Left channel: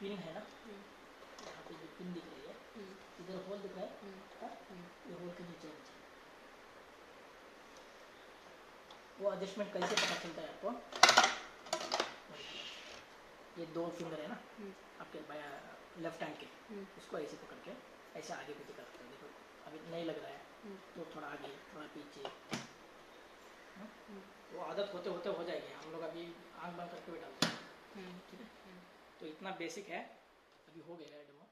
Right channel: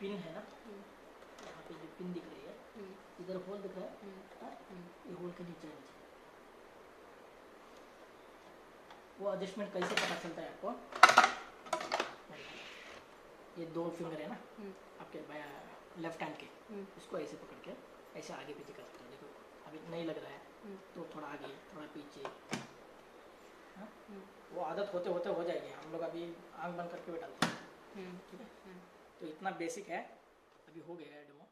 Pin है ना, यहाँ पे जो पिन दिख रही है, इधर होल दिख रहा है, ये होल के नीचे नीचे वो एडजस्टमेंट कैसे पता चलता है आपको? ये 2 फिंगर है ना आपके लेफ्ट हैंड के, इसको ऐसे पकड़ के ऐसे आगे पीछे कर सकते हो। देखो अभी नहीं लग रहा है तो थोड़ा आगे थोड़ा पीछे, वो आदत होते होते हो जाएगी। हम लोग अभी आंख बंद करके बैठा, ठीक है? तो इतना बेसिक है, अभी हो गया है डेमो।